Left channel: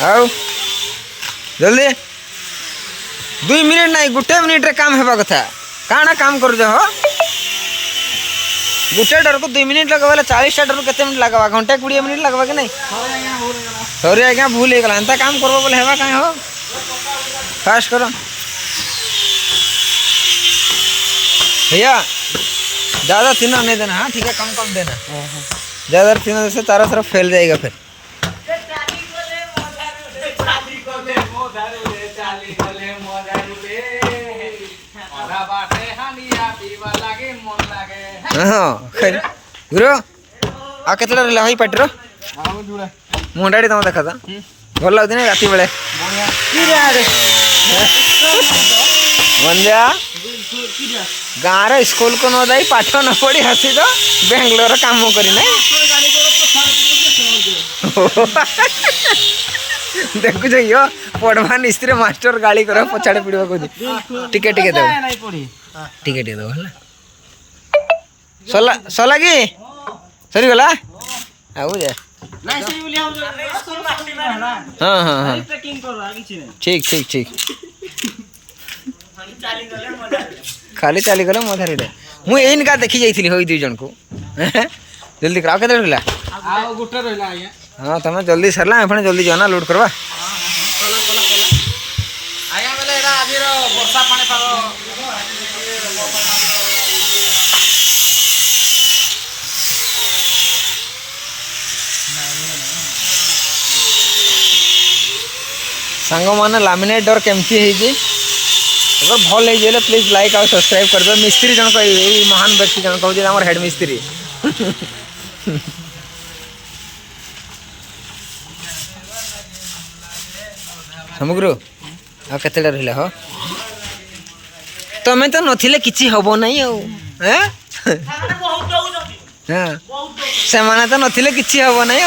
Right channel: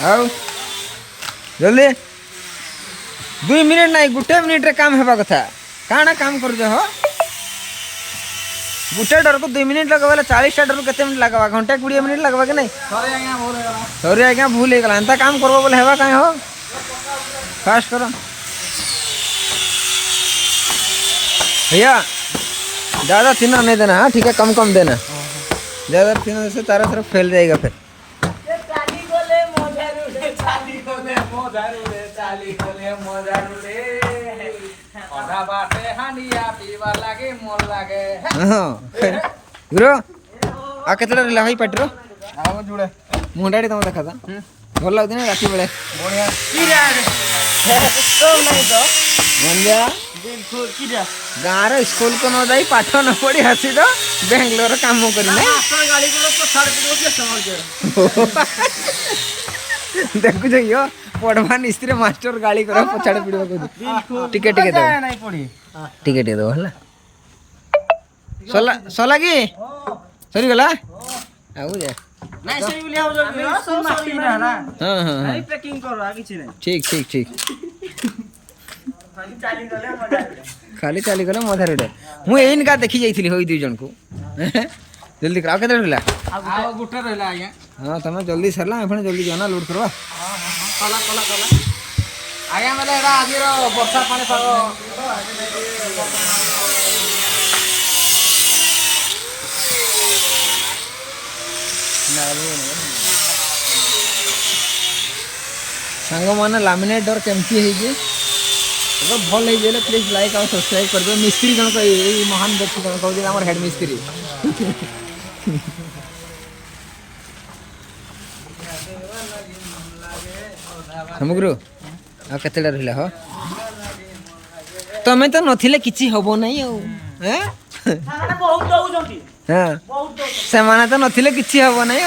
आओ जल्दी 2 मिनट नहीं गोटे मिनिट रे काम हेबा कथा काना काम कर हो गोटे डर को 2 मिनट लगा 40 डर को केते मिनट लगवा घंटे 20 मिनट लगवा कि नहीं सॉरी आज्ञा भूल हो गला एंता काम करबो बोले हेबा काहे हो फास्ट करो भैया ज़्यादा थिनर नहीं देना। हाँ ठीक है कम कम देना ज़्यादा थिनर से तारा तरफ फैल जाएगा फिर। हाँ गुरु आ केते रहा है पार्टी मुंडाड़ी तुम देखा था भल लगुन राति बेले मंदिया गाँव स्कूल को न जाई पाठ न पढ़ी आसी तो बेंगलोर काम करना देखु यो पढ़वा निस्त्री मास्टर गाड़ी कर पछाड़े पड़वा कह टिके टिके दो टिके टिके दो है सला सला कि सरी गला आउ जे हाँ हाँ हाँ ठीक ठीक ठीक खाली चली गले मधारी मुझे एनका देखी जाइए हो 2 जन को जल्दी करा के रहा हाँ तुम जल्दी सरला एपणे जल्दी जाना लोड करवा सांग मैंने लामिनेट डोर केमती है अगर भल हो प्लीज लाइक और सब्सक्राइब कर दो। मिस्त्री जनक महान व्यक्ति जनक हूँ आम हेड मिस्त्री समग्र आ केते रहा हो तमें तो नथिले किछि हबो नहीं हाँ से माने तो नथिले किछि हबो नहीं